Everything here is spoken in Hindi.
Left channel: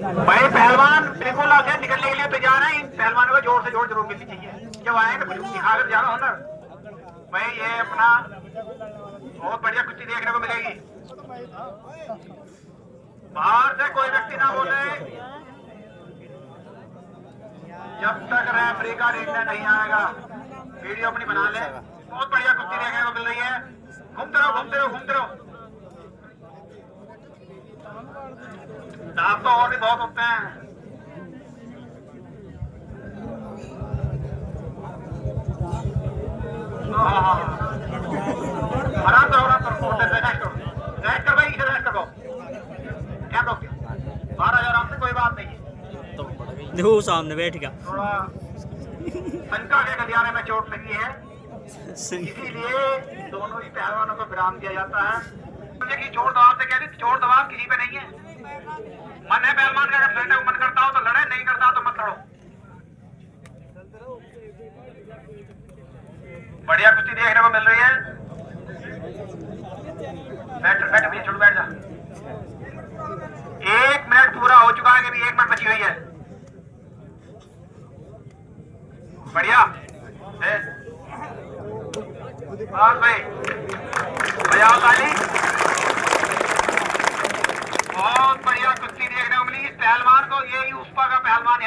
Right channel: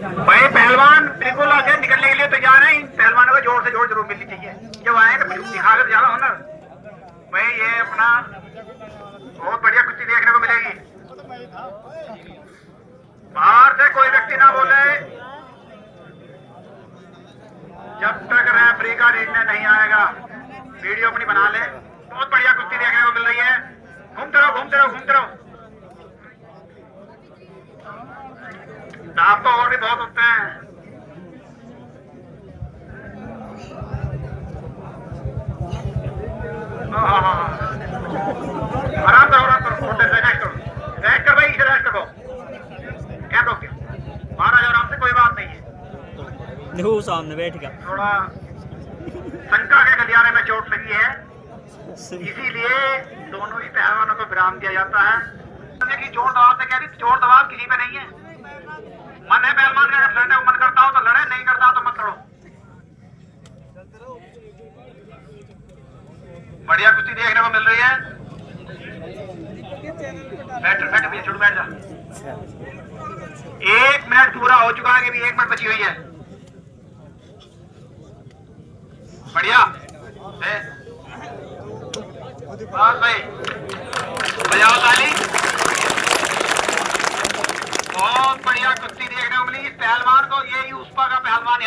भाई पहलवान बिल्कुल आगे निकलने के लिए तैयार है। इन पहलवानों को जोर से जोर जरूर मिलनी चाहिए। जब आए तो कुछ दिखाकर जाना हुनर। भाई ये अपना बहुत बढ़िया कुश्ती देखने को मिलेगी। बाहर से कोई व्यक्ति ना बोले जब तक रेफरी का निर्णय नहीं आएगा। वीडियो अपनी बना ले। बहुत बढ़िया कुश्ती देखने को मिल रही है। घूमते रहो घूमते रहो घूमते रहो। दांत तो और भी बहुत होते हैं। आराम करो आराम करो। रेस्ट करो रेस्ट कर भाई। इसे रेस्ट करो। क्या रोक महाराज आराम से कोई बात नहीं है। देखो सामने बैठ गया। थोड़ा शंका के गलियारे में चोट लगी है इसीलिए दोनों ही पहलवानों को विराम दिया जाता है। कि जोर दबाव से कह रही जोर दबाव किसी पे नहीं है। मन है पहलवान का अगर लड़ने को मन करता हो तो लड़े नहीं करता तो मत लड़ो। बढ़िया कुश्ती देखने को मिल रही है। बैठ बैठ छोड़ बैठ जा। 1 मिनट पूरा हो चुका है कि भी 1 मिनट बची हुई है। बढ़िया हाँ भाई बजाओ ताली। बहुत बढ़िया कुश्ती देखने को मिली। इस पहलवान को यही उस्पा का पहलवान